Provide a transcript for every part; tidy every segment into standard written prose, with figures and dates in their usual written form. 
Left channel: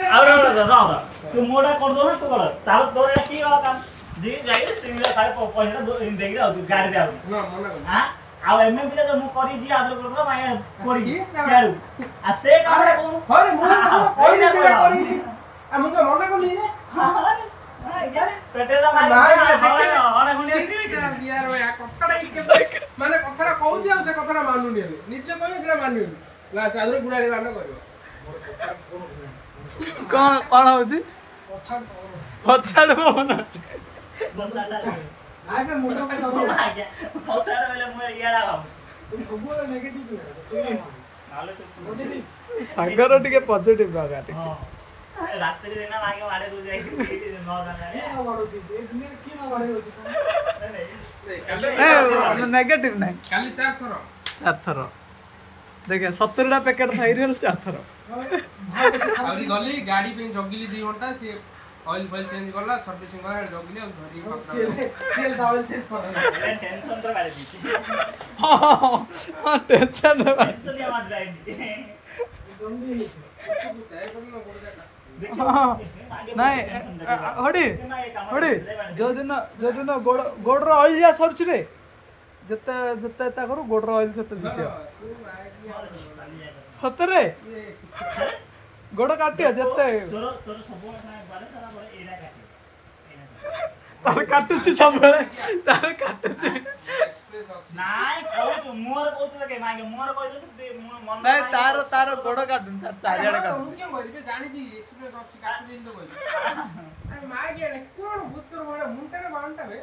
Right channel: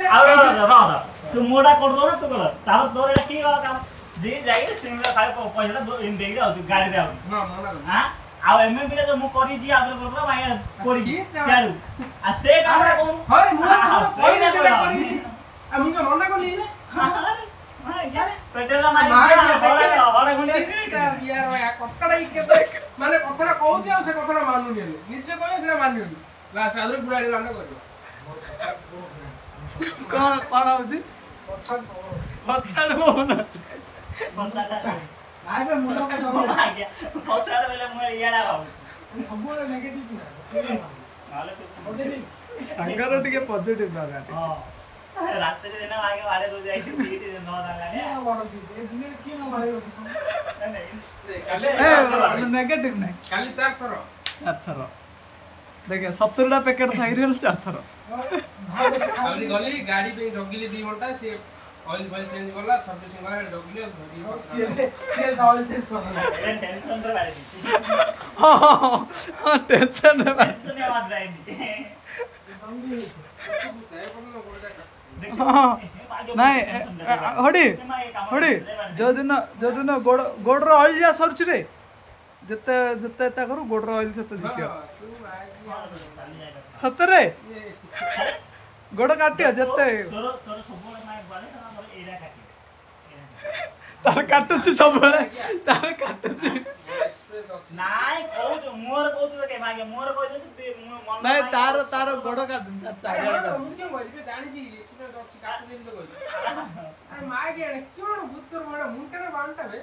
तू मोड़ा कर दो ना तू कर तार तोर एटा की काम जी जाई सिंगल खाली पैसा दो इन देगी आ तू गाड़ी दे हां आ एमएमपी रे मु करी जी आदर कर दो मागे कोड़ी छाड़ू आ से काम रे को अरे मु कोई सेटा करी आ मुके मना कोली रे पेटेला मारे हड़ा गुंडी बियार भाई कथड़ा के माने कथड़ा कहउती आ से कथड़ा मानुनी निजे कहयो सेटा मानियोनी लास्ट आदर गुडाडी कांड करियो कौन कौन होती पछाड़ बोना आइ पे मुंडो को सब आ गया पछाड़ बेले मु याडा भाउ सबुरे नेगेटिव से नाले तो सागर टिके पॉजिटिव बागा हां रात रे दिन आगे वाडे दो जाई न गाड़ी ए वाडो छी ए दिन की न वाडे होसी ए नेगेटिव नहीं खाली चार थर देखे 70 टा पैकेट थाई रहल 4 थर आउरी गली गाड़ी पे जगिली 2 घंटा से ऑयल फॉल चेंज करला सर्विसिंग करा जगिली और धरी से ऑयल चेंज कर टेंशन रे गाड़ी हां टेंशन रे टेंशन ने मार जाई जंगी जाय पड़नो पड़ जाय नहीं हड़ी जो दिन गोड़ ऑयल जा सरछ रे जते जते ता करू गोड़ ऑयल सते जितियो सतरे गोड़ काटियो जते तोर सब माय बारे तोरा एरा काटियो तार काटुची सब तार काटुची नाइ कहू मोर कहू के मागे मोर कहू दे मन नहीं तार गोड़ काटुन तार चारियाडे काटु मुके मरि जानि जी एक्सपीरियंस अछि काटु देली तो बोल अरे मागे एडे क्यों भूत कर बड़ा मुंटरे बांटा बे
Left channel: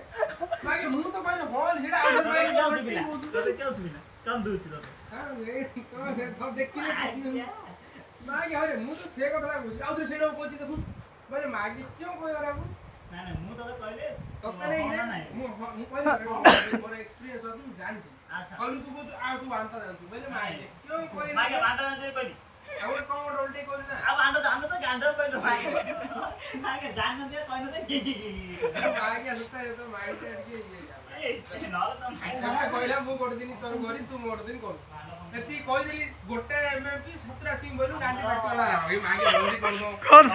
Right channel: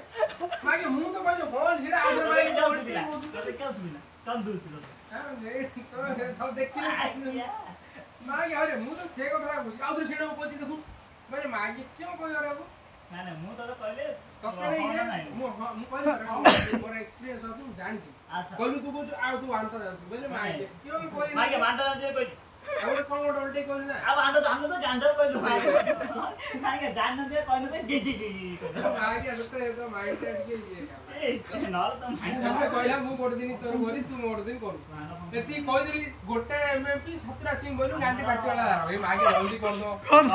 मागे मु तो कहलो बोल जेडा आइडर मागे तो क्या सुबिना कम दूच दो हां तो देखिले मागे अरे मु तो से कथा बुझ आउथरे सेडो कोची देखु माने मागे क्यों कोइ अरे ना ना मु तो कहले कपड़ा नहीं मु कहले मोर एक्सपीरियंस अछि जानि छी अच्छा कहलु तू को आ तू बांटा जानछु बेले मागे क्यों कोइ मागे बांटा जानते कहली और कौन उल्टे कहलु ना अब बांटा जान तो गांडर कहलु मागे जान दे कहनु दे जी मागे असते तो माइंड सेट के ये न तो मैं कहला मु गोड दिन तोर गोरी तू मोड दिन करू एती कहि दिली गोटे एमएमपी 17 सिंह बोलू गांडी पार्टी वाला भाई मागे जल्दी कर दो कौन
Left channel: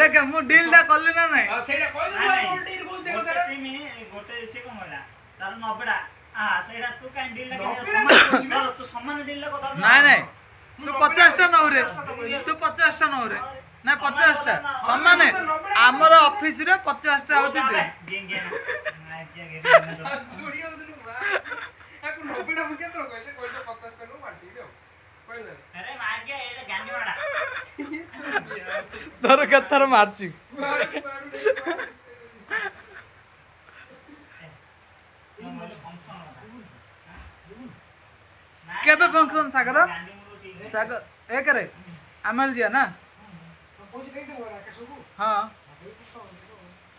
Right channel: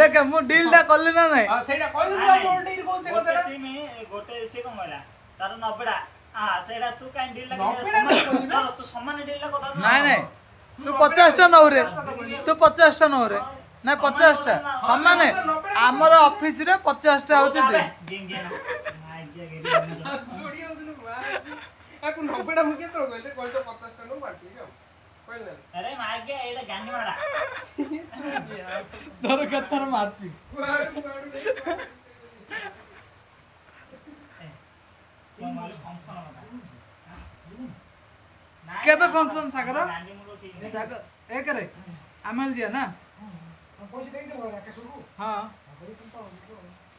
देख मु डील दा करले ना नहीं हां सेटा कहि दो गोटे कौन से गोटे सिमी गोटे से कोन होला तार 90 टा हां सेटा तू काई डील ला तू समान डील ला कथा नहीं तू 50 टा नौ रे तू 50 टा नौ रे ना 50 टा समान हमर ऑफिस रे 50 टा होची गेंग गेंग छोड़ी हो दिनु एको 90 टा मुके तो कहले कहले 50 टा नो पार्टी रे कहले अरे मार गया एटा गांडी वाला तोर कथर मारची केबे फंक्शन सागर सागर एक रे आमल जिया ना पैसा दे दे बरा कसुको हां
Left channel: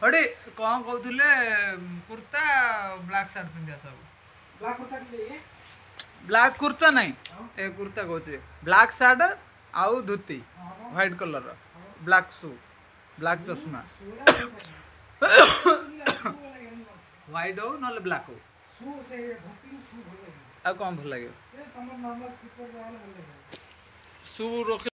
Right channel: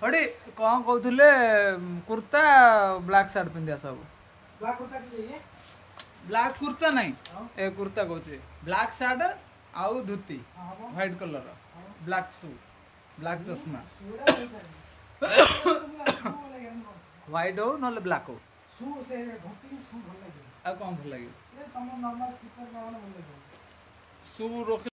हडी कोन कहथुले कुर्ता ब्लैक शर्ट पिंदिया सब ब्लैक कुर्ता के लिए ब्लैक कुर्ता नहीं ए कुर्ता कहछे ब्लैक शर्ट आउ dhoti white colour black shoe black चश्मा व्हाइट हो नले ब्लैक हो शू से धोती शू भल लागे आ कौन भल लागे ए तमर नॉर्मल स्लीपर वाला भल लागे शू रोक